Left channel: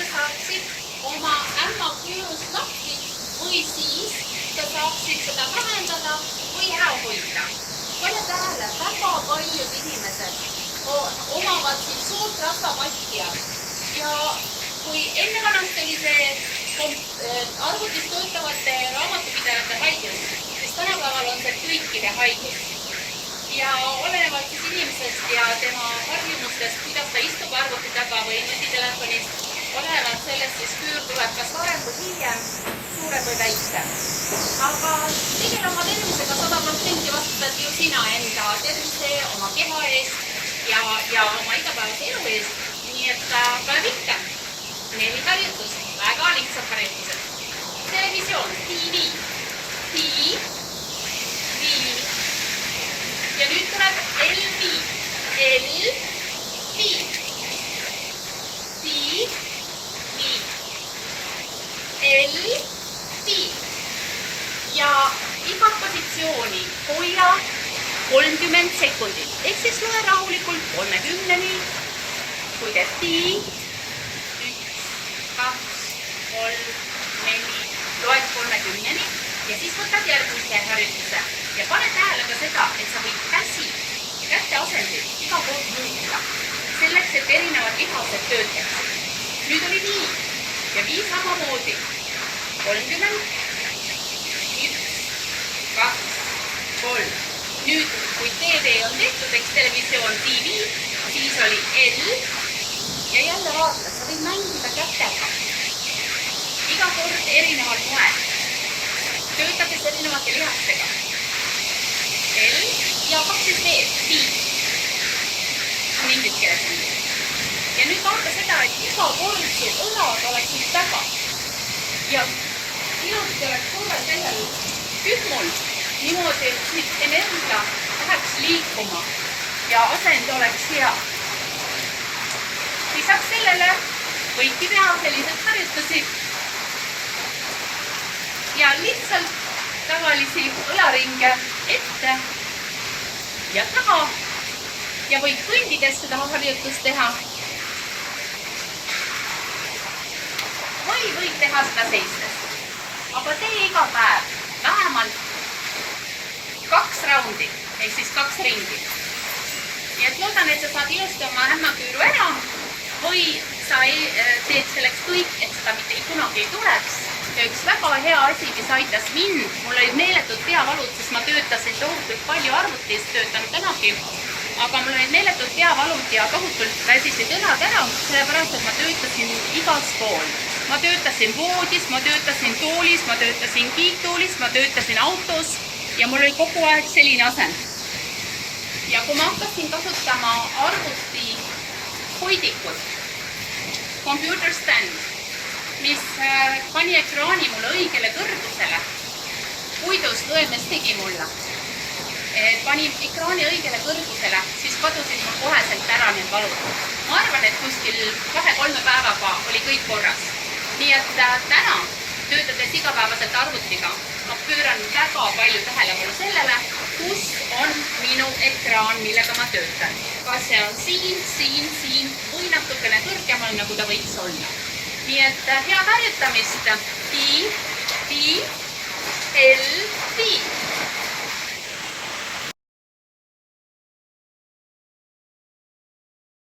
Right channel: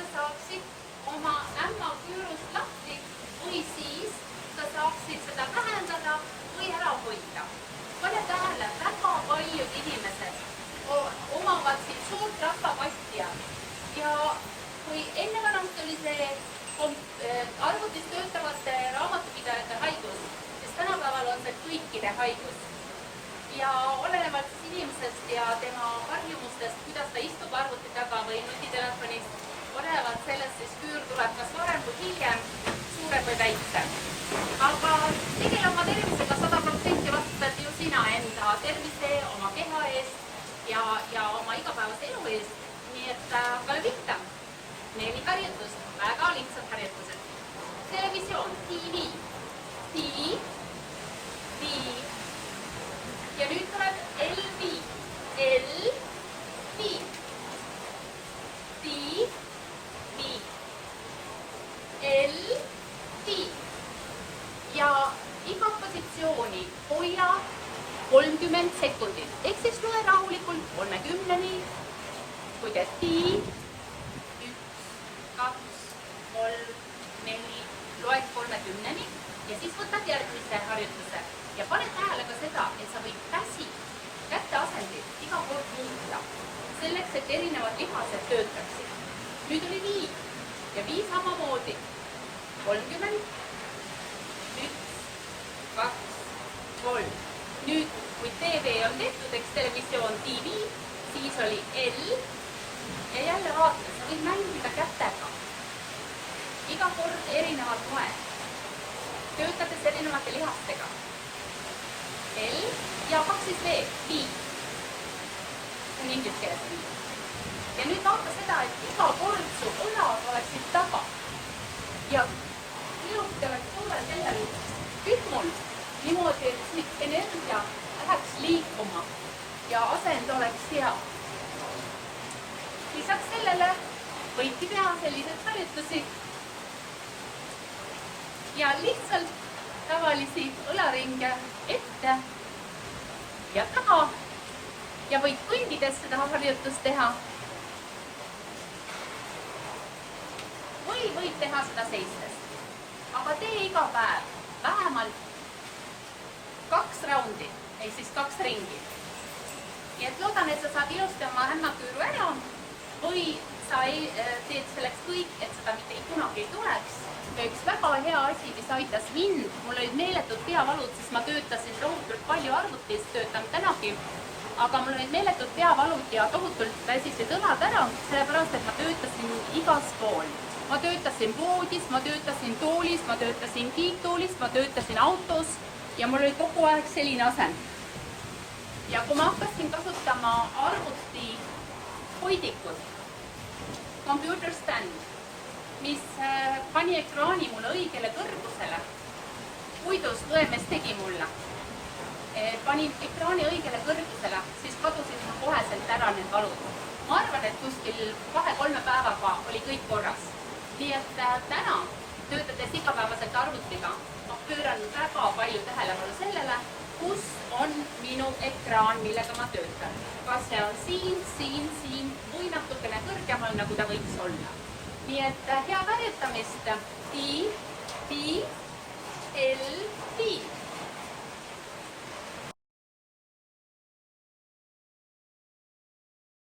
sa saaksid oma ämmaküürust lahti või siis sa saaksid seda vähendada või ära hoida. Pane tähele, väga paljud inimesed omavad siin suurt rasvapatja ja kui enne vanast oli see arvutis töötavate raamatupidajate haigus, siis tänapäeval on see kõikide haigus. Ja olenevalt siis inimesest ja tema harjumustest, kuidas ta istub arvuti taga või nutitelefonist, olenevalt sellest siis küür tuleb kas varem või hiljem, suurem või väiksem. Aga tegele oma tervisega 100% vastutad ju sina enda tervise, oma keha eest ja oma igapäevase elu eest. Nii et tuleb ikka 4 harjutus, väga lihtsad harjutused. Televisioon, TV. Ja nüüd tuleb LV. Ja igat positsiooni hoia 30 sekundit. Ehk siis loe rahulikult 30-ni. Kui teed tii, 1, 2, 3, 4, loed 30-ni ja siis võtad järgmise harjutuse. Ja pane tähele ka seda, et sa võid käte asendit iga kord muuta. Selleks, et erinevad lihased töötaksid. Nüüd oli nii ja vii samamoodi. 30, 1, 2, 3. Nüüd, kui TV on tehtud, eks televisioon TV, siis oli L ja jälle vaata, sa võid mängida kätega. Iga kord erineval moel. Töötades erinevate lihastega. L ja 2 veel, T. On inglise keeles nii. Ja nüüd vaata seda, et iga kord su õlad oleksid taga. Ja ilusti oleks korral sellel kühmul niimoodi, et siit energia läheks liikuma ja asend oleks hea. Lisaks sellele võidki teha sellised harjutusi ja lihtsalt tavalisi õlaringe ette ja taha ja võid kõndides seda harjutust teha või võid teha seda seistes. Aga tee iga päev vähemalt 2 raundi, ehk siis 2 ringi. Nii et loodan, et sa saad ilusti oma ämmaküüru ära või sa teed selleks kõik, et seda mitte kunagi ei tuleks. Ja üks väga hea asi, mis aitas mind, mul olid meeletud peavalud, sest ma töötasin tohutult palju arvutis, töötan tänagi, aga mul olid meeletud peavalud ja tohutult väsisid õlad ära, sellepärast, et ma töötasin igas pool. Ma töötasin voodis, ma töötasin toolis, ma töötasin kiittoolis, ma töötasin autos ja mul oli kogu aeg selline asend. Ja kui ma hakkasin kasutama arvuti hoidikut, computer stand, mis pani ekraani mulle õigele kõrgusele, puidust õemes tegi mulle, pani ekraani õigele kõrgusele, siis kadusid mul koheselt ära need valud. Ma arvan, et kuskil 2-3 päevaga oli kõik korras. Nii et täna, töötades igapäevaselt arvutiga, ma pööran väga palju tähelepanu sellele, kus on minu ekraan, millega ma töötan. Kas see on siin või natukene kõrgemal, nagu ta võiks olla. Nii et head harjutamist. T, L,